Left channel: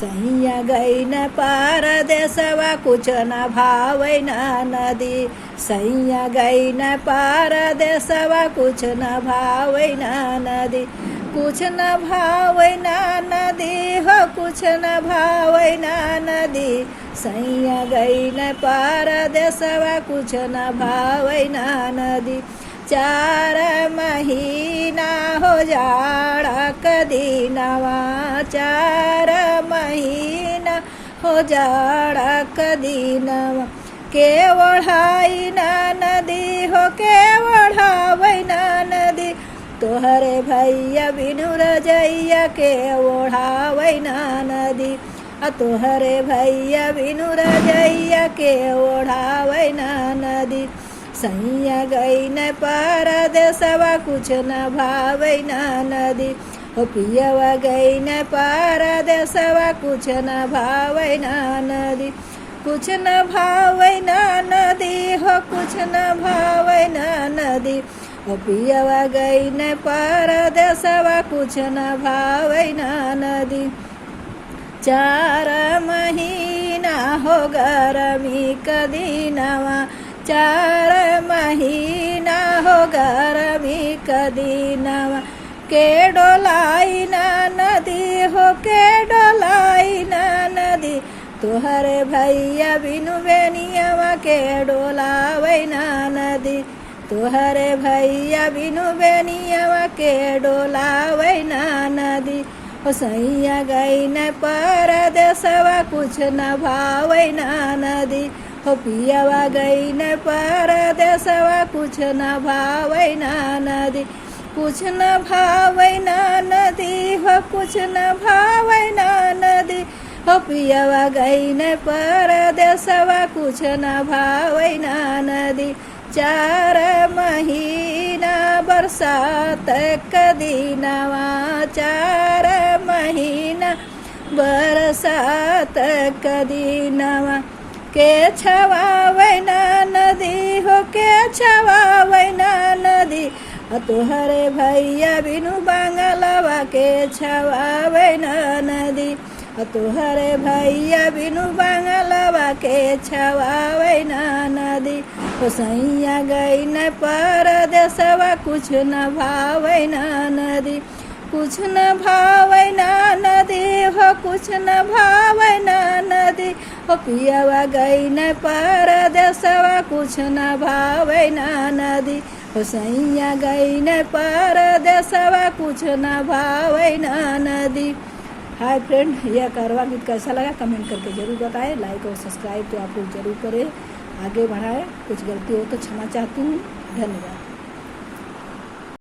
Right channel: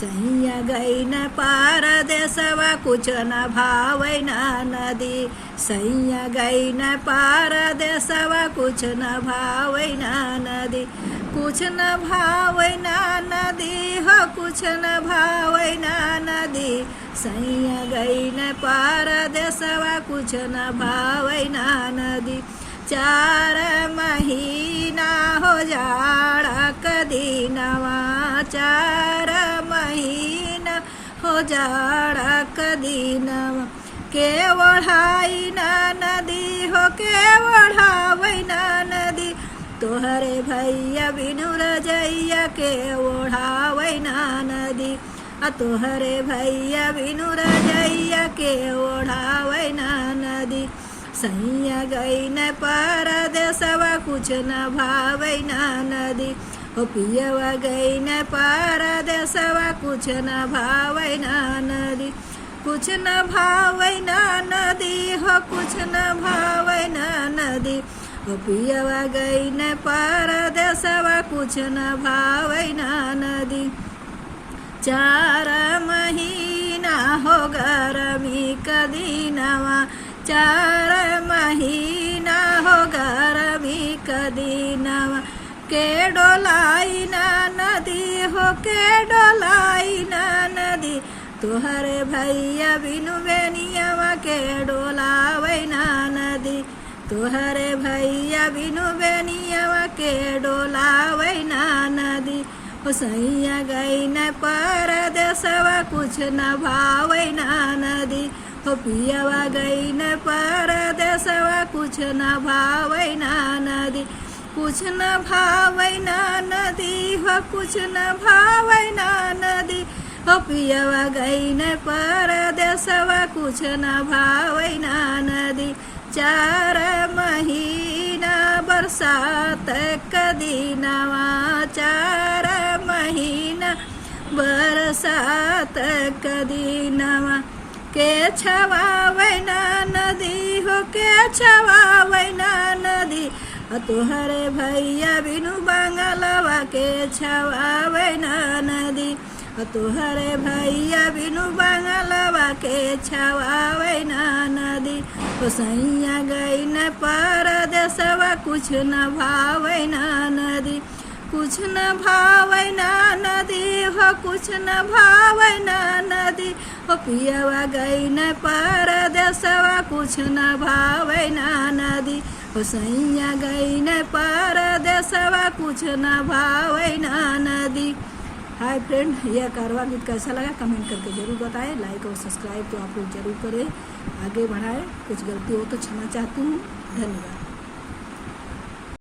सैया गईन परदेसवा कुछ न भावैन नदी। सैया गईन परदेसवा कुछ न भावैन नदी। कुछ न भावैन नदी हो कुछ न भावैन नदी। सैया गईन परदेसवा कुछ न भावैन नदी। 4 महीना हो जाड़ा कदीनवा। 4 महीना हो जाड़ा कदीनवा। के ओढ़ाई ना नदी हो के ओढ़ावै ना नदी। तोहरे भैया बिनु रजैया के ओढ़ावै ना नदी। तोहरे भैया बिनु रजैया के ओढ़ावै ना नदी। सैया गईन परदेसवा कुछ न भावै ना नदी। हो पियवा गईन परदेसवा कुछ न भावै ना नदी। कुछ न भावै ना नदी हो कुछ न भावै ना नदी। हो पियवा गईन परदेसवा कुछ न भावै ना नदी। 4 महीना हो गरमी कदीनवा। 4 महीना हो गरमी कदीनवा। के डोलाई ना नदी हो के डोलाई ना नदी। तोहरे भैया बिनु बेनियावा के डोलावै ना नदी। तोहरे भैया बिनु बेनियावा के डोलावै ना नदी। हो सैया गईन परदेसवा कुछ न भावै ना नदी। हो पियवा गईन परदेसवा कुछ न भावै ना नदी। कुछ न भावै ना नदी हो कुछ न भावै ना नदी। हो पियवा गईन परदेसवा कुछ न भावै ना नदी। 4 महीना बरसात कदीनवा। 4 महीना बरसात कदीनवा। के छवावै ना नदी हो के छवावै ना नदी। तोहरे भैया बिनु बांगलवा के छवावै ना नदी। तोहरे भैया बिनु बांगलवा के छवावै ना नदी। हो सैया गईन परदेसवा कुछ न भावै ना नदी। कुछ न भावै ना नदी हो कुछ न भावै ना नदी। हो पियवा गईन परदेसवा कुछ न भावै ना नदी। हो सैया गईन परदेसवा कुछ न भावै ना नदी। हाय फ्रेंड, यह कारवां गीत कैसा लगा कमेंट करके जरूर बताएं। लाइक और सब्सक्राइब तो आप लोग जरूर करें, आगे बढ़ाएं। कुछ गलती हो तो क्षमा चाहती हूँ। धन्यवाद।